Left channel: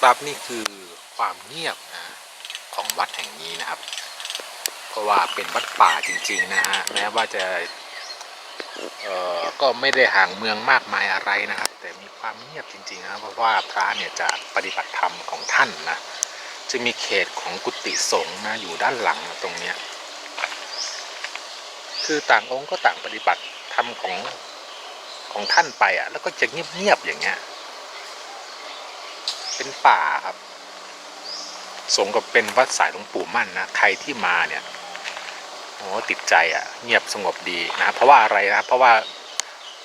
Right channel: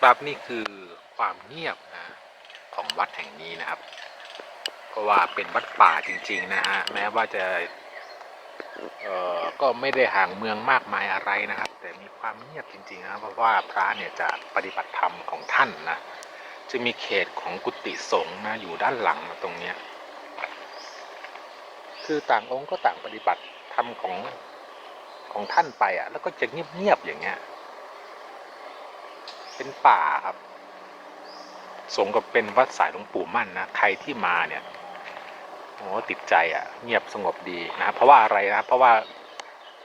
ครับนี่คือความเงียบนะของวัดแห่งนี้นะครับ เพราะว่าเป็นวัดป่าจริง ๆ นะฮะแม้ว่าจะเอ่อก็ไม่ได้ห่างเมืองมากมายอะไรนะครับ แต่มีความเงียบจริงๆนะเพราะว่าพระเนี่ยจะปฏิบัติธรรมของท่านนะจะมีเขตของกุฏิสงฆ์นะอยู่ด้านหลังตรงเนี้ยคือต่างองค์ก็ต่างปฏิบัติธรรมของของท่านไปอะ แล้วก็จะเงียบๆอย่างเงี้ย เป็นป่าครับสมกับเป็นวัดสายหลวงปู่มั่นนะ ใครที่มาเนี่ยโอ้ติดใจอะ เงียบสงบดีนะเพราะว่าอะไรนะเพราะว่า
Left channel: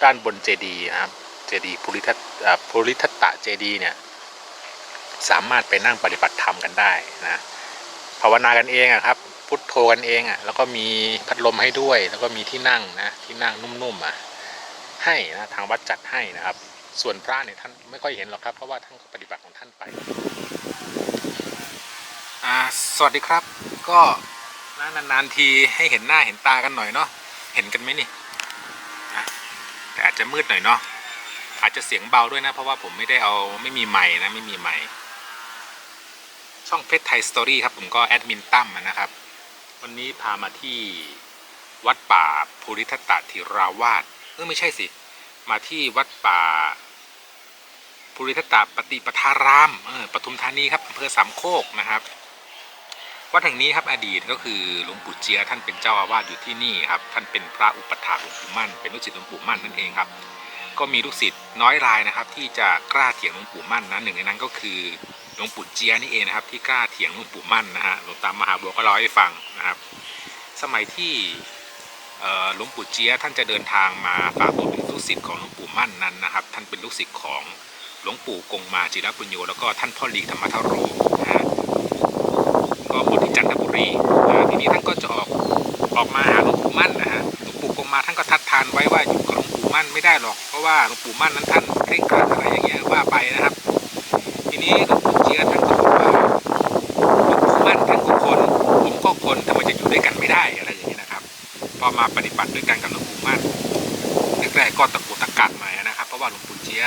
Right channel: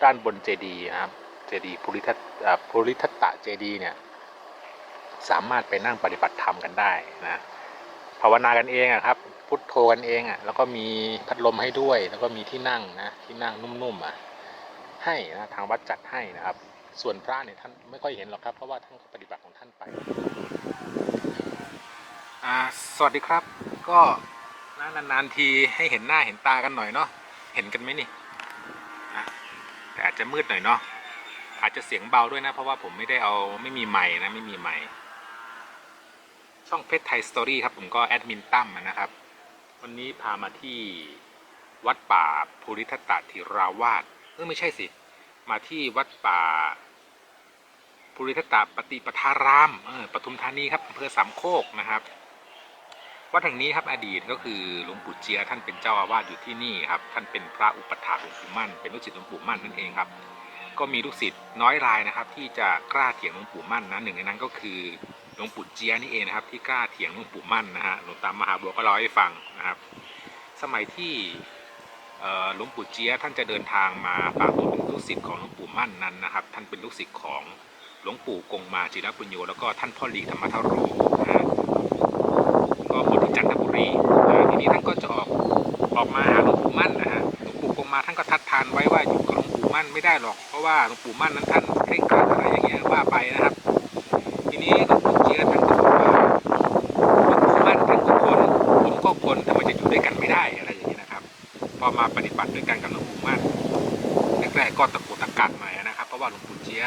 ด้านบนเจดีย์นะครับ เจดีย์ภูริทัตภูริทัตตะเจดีย์เนี่ย สามารถไปนั่งปฏิบัติธรรมกันได้นะภาวนากันเองอะครับ พุทโธกันเองอะแล้วก็มีพัดลมให้ด้วย แล้วก็มีที่นั่งนะ ที่นั่งนุ่มๆอะให้นะทางวัดจัดให้นะครับ ส่วนพระเนี่ยท่านไม่ค่อยเห็นหรอกครับ เพราะว่าท่านก็ปฏิบัติของท่านไปสวัสดีครับ ก็นานๆทีให้เห็นหน้าเห็นตากันหน่อยเนาะเห็นกันไหมนี่แต่อาจจะมืดหน่อยเนาะอาจจะเสียงเบาด้วยนะ เพราะว่าผมไม่ได้เอาไม่มีไม้นะไม่มีไม้ช่องเพชรไทยสตอรี่ครับผมก็แอดมินตั้มนะครับ วันนี้พามาที่วัดป่าภูริทัตติราวาสเออไม่ใช่สิ มาที่วัดป่า ภูริทัตตปฏิปทารามปทุมธานีครับอำเภอสามโคกนะครับวัดแห่งนี้ครับอดีตก็คือหลวงปู่เจียท่านเป็นเจ้าอาวาสอยู่ที่นี่ครับท่านเป็นพระอุปถากหลวงปู่มั่น เป็นลูกศิษย์หลวงปู่มั่นนั่นเองครับ ก็มีลูกศิษย์น้อยรายนะครับ ที่จะกล้าเถียงหลวงปู่มั่นนะหนึ่งในนั้นก็คือหลวงปู่เจียนี่เองนะครับที่กล้าเถียงหลวงปู่มั่นนะฮะหลวงตามหาบัวก็เล่าให้ฟังนะครับ สมัยที่หลวงปู่เจียท่านจะเดินทางมาฝากตัวเป็นลูกศิษย์ของหลวงปู่มั่นนั้นนะครับ ท่านเป็นลูกศิษย์ของ หลวงปู่กงมาจิรปุญโญแล้วก็ท่านพ่อหลีกธรรมทโรนะฮะก็บวชที่จันทบุรีนะทีนี้ท่านก็จะออกออกมาหาหลวงปู่มั่นนะฮะหลวงปู่กงมาท่านก็ทัดทานไว้ว่าอยู่กับหลวงปู่มั่นไม่ได้หรอกเพราะว่าหลวงปู่มั่นนั้นท่านเคร่งครัดอะไรอย่างเงี้ยว่าไปนะครับ ทีนี้หลวงปู่เจียท่านก็บอกว่าหลวงปู่มั่นท่านก็คนผมก็คนทำไมจะอยู่ด้วยกันไม่ได้อะไรอย่างเงี้ยนะครับ พอมาปฏิบัติด้วยกันกับหลวงปู่มั่นแรกๆก็ตะกุกตะกักหน่อยนะครับ เพราะว่าหลวงปู่เจี๊ย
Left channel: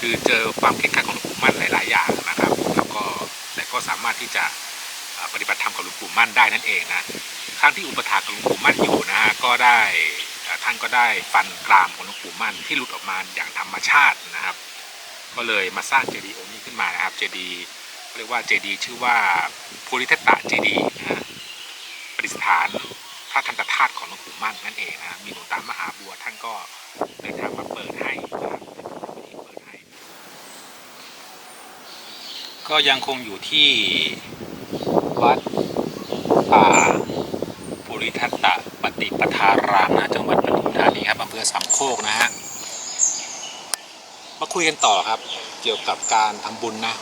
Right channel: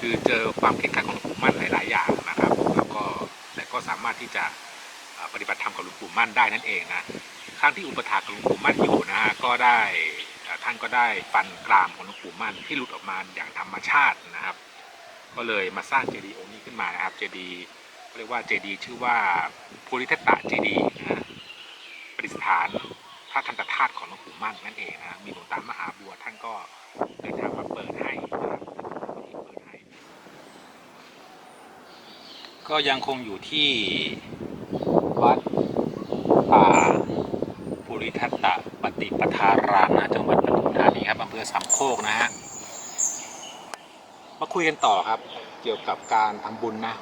คือเจอความเคร่งครัดของหลวงปู่มั่นหลาย ๆ อย่างนะครับ แล้วก็แต่ก็สามารถที่จะปฏิบัติธรรมกับหลวงปู่มั่นได้นั่นเองนะครั้งที่อุปถากหลวงปู่มั่นอยู่นะฮะก็ได้ท่านก็ได้ฟันกรามของหลวงปู่มั่นที่หลุดออกมาอย่างธรรมชาตินะครับ ก็เลยมาสร้างเจดีย์องค์นี้ขึ้นมานะครับเจดีย์เรียกว่าเจดีย์ชื่อว่าภูริทัตตะเจดีย์นะฮะประดิษฐานพระทันตธาตุของหลวงปู่มั่นนั่นเองนะมีหลวงตามหาบัวท่านก็เดินทางมาเปิดให้นะครับเป็นพิธีเปิดให้ ก็ยังคงอยู่ที่วัดป่าปุริทัตตะปฏิปทารามนะจังหวัดปทุมธานีครับอำเภอสามโคกนะฮะมาคุยกันต่อครับเกี่ยวกับการทำบุญนะ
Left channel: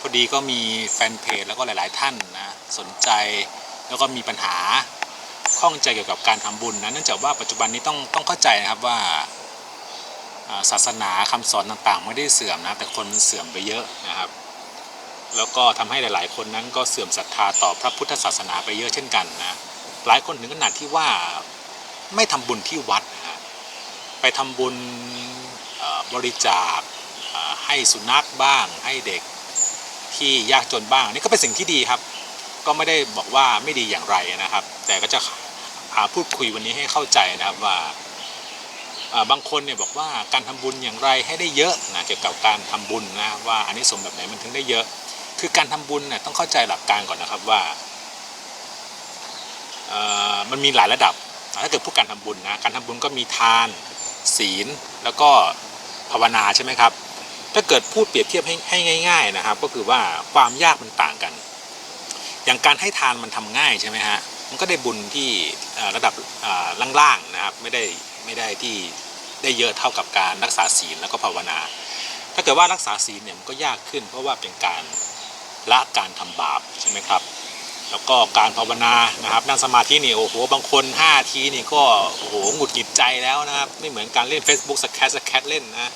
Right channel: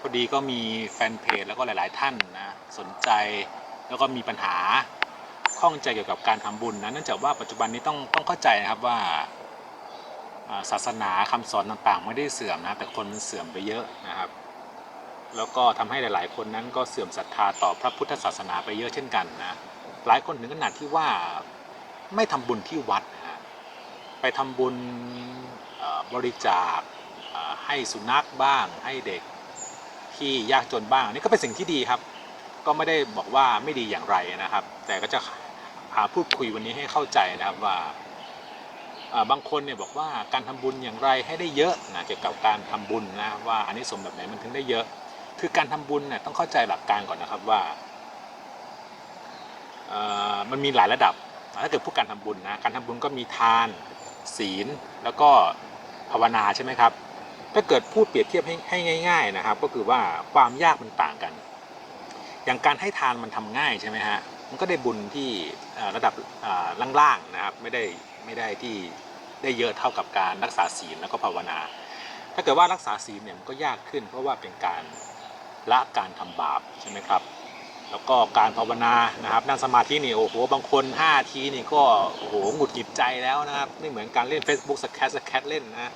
พอดีก็มีแฟนเพจแล้วก็หลาย ๆ ท่านนะสนใจแล้วก็มีปัญหาข้องใจเกี่ยวกับการทำบุญนะเนื่องจากว่าปัจจุบันนี้ต้องต้องเข้าใจนะครับว่าศาสนาคำสอนต่าง ๆ ไม่ได้เสื่อมนะแต่คนมันเสื่อมไปเยอะนะครับ แล้วก็ทำให้หลาย ๆ คนนั้นก็เสื่อมศรัทธาต่อพระพุทธศาสนาไปเยอะเช่นกันนะหลายคนถึงขนาดที่ว่าไม่ทำบุญที่วัดนะไปทำบุญบริจาคให้สุนัขบ้าง ให้เด็กที่ยากจนบ้างนี่ก็เป็นสิ่งที่ดีครับ ก็ไม่ได้บอกว่าไม่ดีอย่างไรนะครับ แต่ก็จะหาพูดคุยวันนี้ให้เข้าใจนะครับว่าบางคนเนี่ยบอกว่าการทำบุญอย่างไรให้ได้เยอะนะเกี่ยวกับการทำบุญนะว่าอันนี้สมแบบไหนมันถึงได้เยอะ คือการทำบุญเนี่ยต้องเข้าใจหลักการก่อนนะครับว่ามันมีหลายระดับ ถ้าเกิดพูดการทำบุญนะการทำบุญก็มีทาน ศีล แล้วก็ภาวนาใช่ไหมครับ ถ้าเกิดพูดเปรียบเทียบให้ให้ง่าย ๆนะครับ ก็คือว่าความยากมันต่างกัน อย่างการให้ทานมันทำง่ายใช่ไหมฮะมันก็ได้บุญที่ระดับล่างๆนะครับไม่ได้ไม่ได้ที่ได้เยอะเท่ากับการรักษาศีลแล้วก็ภาวนา ถ้าเกิดว่ารักษาศีลเนี่ยมันก็ยากขึ้น เพราะว่าเป็นการ ละการทำบาปใช่ไหมครับ แล้วก็การภาวนานะครับนั่งสมาธินี่โอ้โหบางคน 5 ทีนี่ก็โอ้โหหงุดหงิดใจแล้วนะครับไม่เหมือนการเล่น Facebook สแครสแครเล่นนะ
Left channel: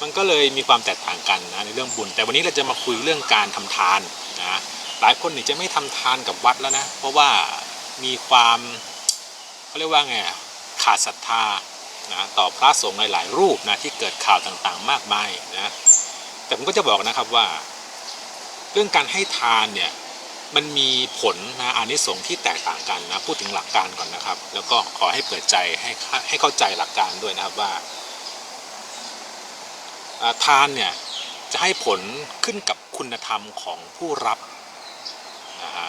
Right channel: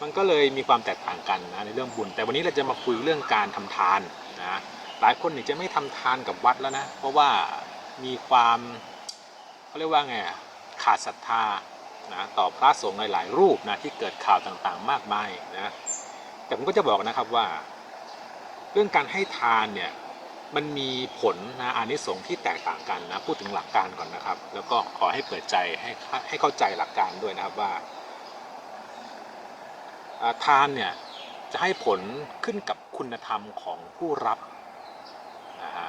มันก็เลยมีความแตกต่างกันนะในเรื่องบุญ แต่วันนี้เราจะมาคุยเรื่องการทำทานนะหลายคนนี่จะไม่ทำทานกับวัดแล้วนะเพราะว่ามีความเขาเรียกว่าไงขาดศรัทธานะต่อพระสงฆ์หลาย ๆ รูปนะที่เกิดข่าวต่างๆ มากมายนะแต่ผมก็จะบอกนะครับว่า เรื่องการให้ทานเนี่ยมันมีผลนะอานิสงส์ที่แตกต่างกันนะพูดถึงหลักการก่อนนะครับ แล้วก็ขอให้เปิดใจให้ให้เข้าใจหลักการด้วยนะครับว่าทานเนี่ยจะให้ผลขึ้นกับคุณธรรมของผู้รับนะฮะ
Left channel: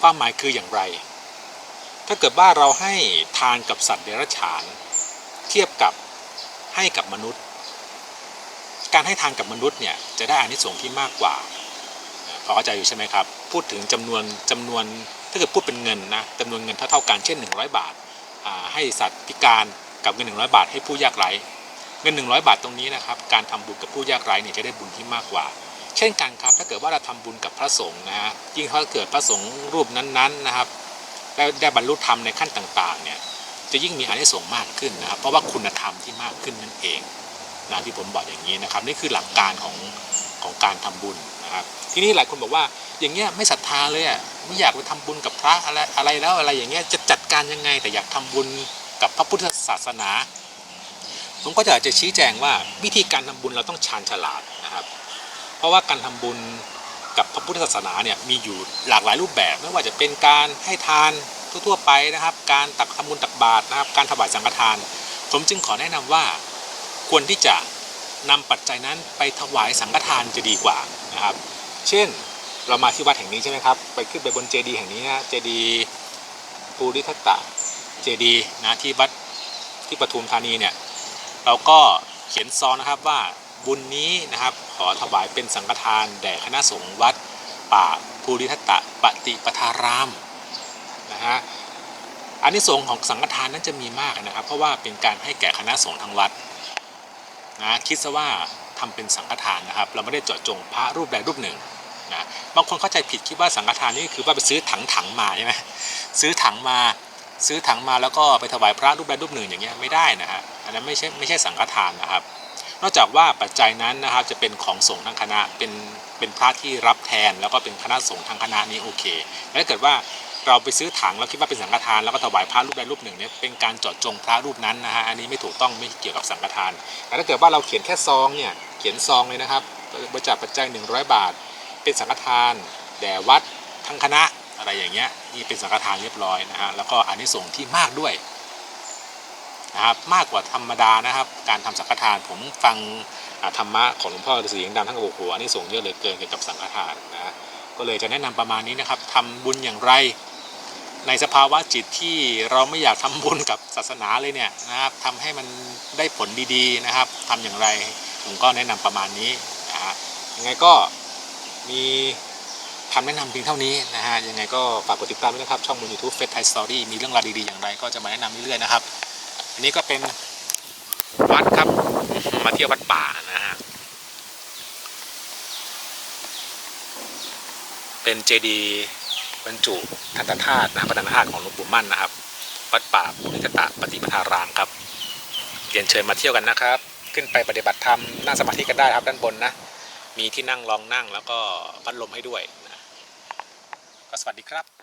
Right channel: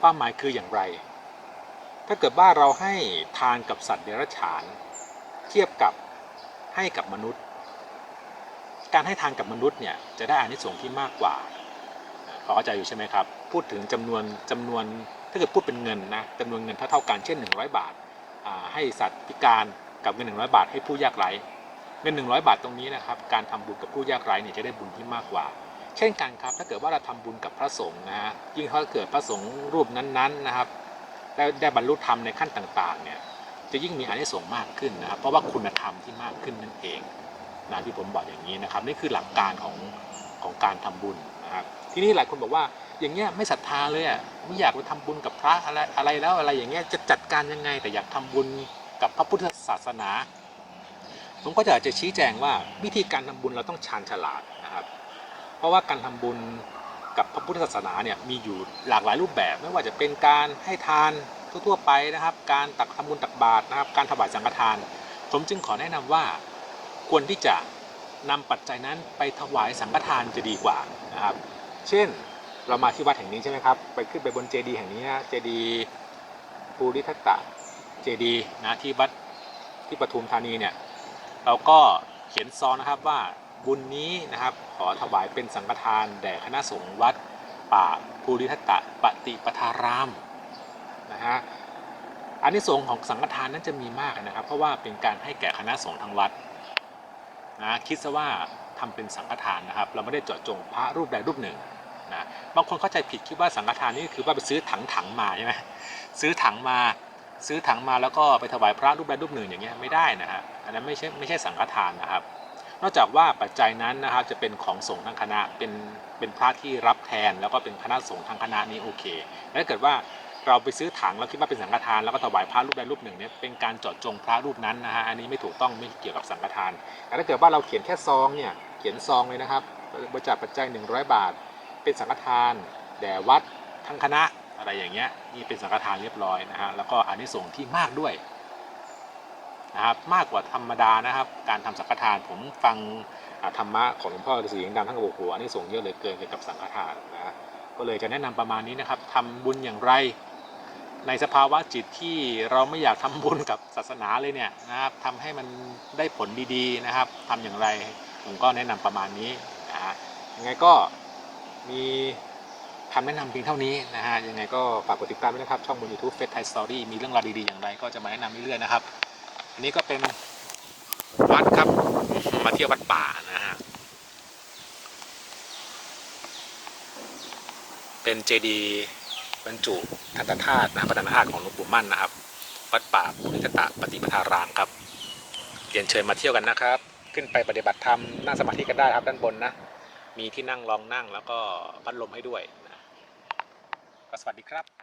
ความหมายคืออย่างไร ถ้าเกิดว่าเราให้ทานกับสัตว์เดรัจฉาน เทียบกับให้กับมนุษย์ การให้ทานกับมนุษย์เนี่ยจะได้อานิสงส์ที่มากกว่าพอเข้าใจอยู่ใช่ไหมครับ พูดถึงจำนวนจำนวนถ้าเกิดพูดเป็นเงินนะจำนวนเงินเท่าเท่ากันเช่น 100 บาทอ่าให้สัตว์พิการกับเงิน 100 บาทให้ผู้ยากไร้เงิน 100 บาทตรงนี้นะครับการทำบุญกับผู้ยากไร้เนี่ยจะได้บุญที่มากกว่า เช่นกันครับ ถ้าเกิดว่าเราทำบุญกับพระสงฆ์นะฮะยิ่งถ้าเกิดพระสงฆ์รูปนั้นๆนะครับได้ได้บรรลุธรรมในขั้นต่างๆเนี่ยจะยิ่งมีอานิสงส์มากขึ้นนะครับเพราะว่าคุณธรรมที่มากขึ้นนั่นเอง นะที่ผมบอกอย่างนี้นะครับนี่คือหลักการของของการทำบุญนะครับทีนี้หลายคนบอกว่าอย่างเงี้ยไม่ศรัทธาเลยอะไม่อยากไปทำบุญกับพระอะไรอะไรแล้วอะไรอย่างเงี้ยจะจัดการยังไงแต่อยากทำบุญกับพระพุทธศาสนา ผมก็จะจะชี้แจงว่าวิธีการทำบุญเราต้องชาญฉลาดนะครับ เพราะว่าการทำบุญกับพระพุทธศาสนาเนี่ยมีอยู่หลากหลายรูปแบบไม่ว่าจะเป็นการให้ทานทั่วๆไปนะครับ การตักทำบุญตักบาตรนะครับ การถวายสังฆทาน ผมจึงขอแนะนำว่า ควรที่จะนำปัจจัยนั้นไปถวายสังฆทานจะดีกว่านะครับ เช่นเรามาที่วัดแห่งนี้ใช่ไหมครับ ไปขึ้นไปบนเจดีย์แห่งนี้นะเจดีย์ภูริทัตตะเจดีย์นะที่วัดที่ปทุมธานีเนี่ยเราก็เขียนซองนะครับว่าบุญนี้นะครับขอถวายเป็นสังฆทานแด่คณะสงฆ์วัดป่าภูริทัตตะปฏิปทารามนะฮะอานิสงส์ของสังฆทานนั้นจะมีมากนะครับ เพราะว่าเป็นการให้แก่คณะสงฆ์ทั้งวัด นะคิดซะว่าทำเป็นสังฆทานนะครับ เราไม่ได้เจาะจงพระรูปใดรูปหนึ่งนะบางคนเข้าใจผิดคิดว่าสังฆทานนี่คือว่าไปซื้อถังถังๆมาใช่ไหมซื้อถังมาซื้อถังมาแล้วก็ไปถวายพระรูปใดรูปหนึ่งอย่างเงี้ยไม่ได้นะฮะอันนั้นไม่ใช่ไม่ใช่สังฆทานนะครับ นอกจากว่าปัจจัยนั้นนะครับจะเป็นของสงฆ์ทั้งคณะเป็นเป็นพระที่รับแทน แล้วก็เป็นคณะสงฆ์ทั้งคณะนี้โอเคแต่ถ้าเกิดว่า เราไปซื้อถังแล้วคิดว่าเป็นสังฆทานแล้วก็ถวายพระรูปใดรูปหนึ่งเนี่ยเป็นการเจาะจงพระรูปนั้นนะฮะอันนี้ไม่ถูกต้องไม่เกี่ยวกับสังฆทานแต่ถ้าเกิดว่าเราเขียนแค่ซองเนี่ยเขียนซองเลยนะครับบริจาคปัจจัย 100 บาท เป็นสังฆทานแด่วัดทั้งคณะอะไรอย่างเงี้ยนี่เป็นสังฆทานเรียบร้อยนะฮะแล้วก็อานิสงส์ที่มากด้วยนะครับมากกว่าธรรมดานะครับ การทำสังฆทานผมฟังธรรมะของหลวงพ่อฤาษียงดำท่านก็บอกโอ้โหอานิสงส์เยอะเหลือเกินเกี่ยวกับสังฆทานนะก็เลยจะแนะนำประมาณนี้นะครับทำบุญอย่างไร ในสภาวะจิตที่เราไม่อยากทำบุญกับศาสนาเลยเนี่ยนะครับทำให้มันได้ผลดีๆนะครับทำอย่างไรผมก็แนะนำประมาณนี้นะฮะยังไงก็มีคำแนะนำเพียงเท่านี้นะฮะยังไงก็ฝากกดติดตามด้วยนะครับ ช่องบน YouTube Face Thai Story มีเรื่องราวดีๆอย่างไร ก็จะมาแนะนำเรื่อยๆนะครับ อันนี้ก็เป็นวัดครับมาเที่ยววัดป่านะฮะเป็นเจดีย์ บรรจุทันตธาตุนะพระทันตธาตุของหลวงปู่มั่นนะครับ วัดป่าปุริตตะปฏิปทารามครับเรียนเชิญมาเที่ยวกันนะครับ ขึ้นไปปฏิบัติธรรมนั่งสมาธิกันได้ครับด้านบนนะ มีที่นั่งรองนั่งแล้วก็พัดลมให้ด้วยนะก็สวัสดีครับ